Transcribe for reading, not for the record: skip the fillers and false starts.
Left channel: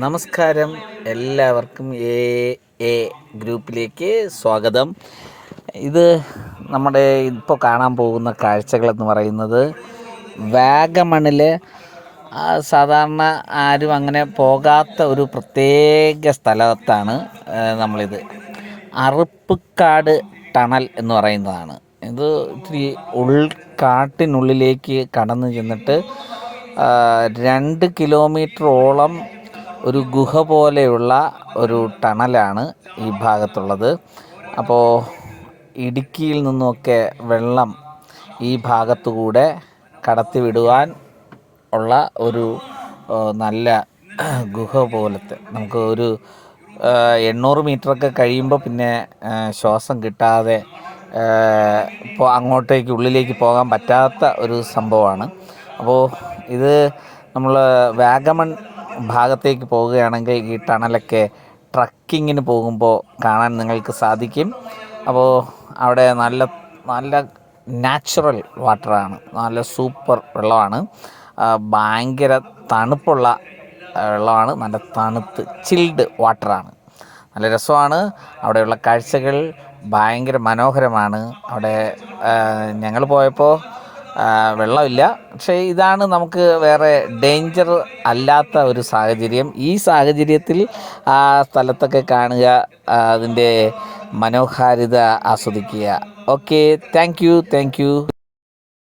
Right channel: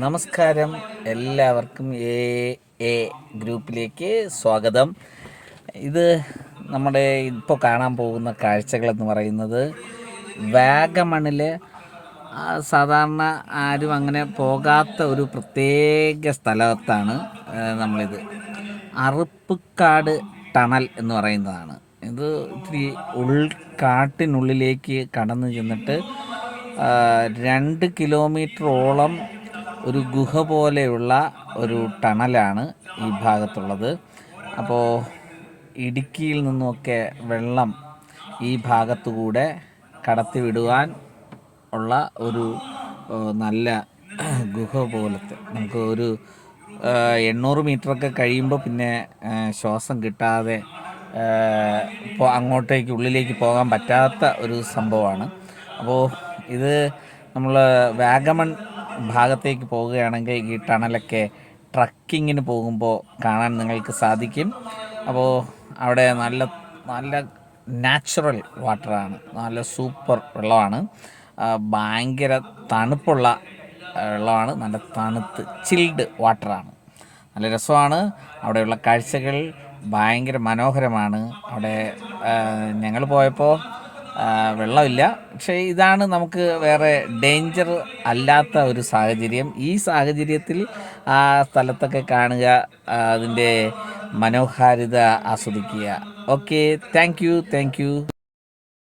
നമസ്കാരം, എല്ലാവർക്കും A A ഗ്രൂപ്പിലേക്ക് സ്വാഗതം. ഇത് നമ്മുടെ ഇപ്പോൾ കാണാൻ പോകുന്ന കാഴ്ചകളെന്ന് പറയുന്നത് വാഗമണിൽ സാധാരണ ആരും അങ്ങനെ പോകാത്ത ഒരു പ്രത്യേക സ്ഥലത്താണ് നമ്മളിത്. അറുപ്പുക്കാട് ടണൽ എന്ന് പറയുന്നതാണ്. ഇത് ഇത്തിരി ഉൾക്കാട്ടിനുള്ളിലേക്ക് കടന്നു ചെന്നിട്ട് 2 കിലോമീറ്ററോളം ഒരു ഗുഹ പോലെയുള്ള ഒരു ടണലാണ് ഈ ഭാഗത്തുള്ളത്. അപ്പോൾ ഇടുക്കിയിൽ നിന്നുമൊക്കെ വെള്ളം ഈ ഭാഗത്തുകൂടെ കടത്തിവിടുവാൻ ഉള്ള ഒരു നല്ല ഗുഹ പോലത്തെ, നമുക്ക് ഒരു 800 മീറ്ററൊക്കെ കഴിയുമ്പോൾ പിന്നെ ശ്വാസം കിട്ടാതെ ഇപ്പോൾ അങ്ങോട്ടേക്ക് ഉള്ളിലേക്ക് പോകാൻ പറ്റാത്ത ഒരു സംഭവമാണ്. അപ്പോൾ ഇത് നമ്മൾ വാഗമൺ ഭാഗത്തേക്ക് പോവുകയാണെങ്കിൽ ഈ ടണലൊക്കെ ട്രക്കിങ്ങിന് പോകുമ്പോൾ കാണാൻ നിങ്ങൾക്ക് സാധിക്കും. അപ്പോൾ അവിടെ നല്ല നല്ല നാച്ചുറൽ വാട്ടറാണ്, നല്ല സൂപ്പർ വെള്ളമാണ്, ഭയങ്കര തണുപ്പുള്ള വെള്ളമാണ്, നല്ല തണുത്ത് ചിൽഡ് വാട്ടറാണ്, നല്ല രസമാണ്. അവിടെയുള്ള കാഴ്ചകൾ ഭയങ്കര മനോഹരമാണ്. അവിടെ ഞങ്ങൾ പോയപ്പോൾ വെള്ളമില്ല, പക്ഷേ ഇതാണ് നമുക്ക് വേറെ ഡേഞ്ചർ അല്ലാത്ത ഒരു സാഹചര്യം. ഈ സാഹചര്യത്തിൽ ആ സ്ഥലത്തൊക്കെ കാണുക, അതിൻ്റെ മനോഹാരിത ആസ്വദിക്കുക. Okay, thank you.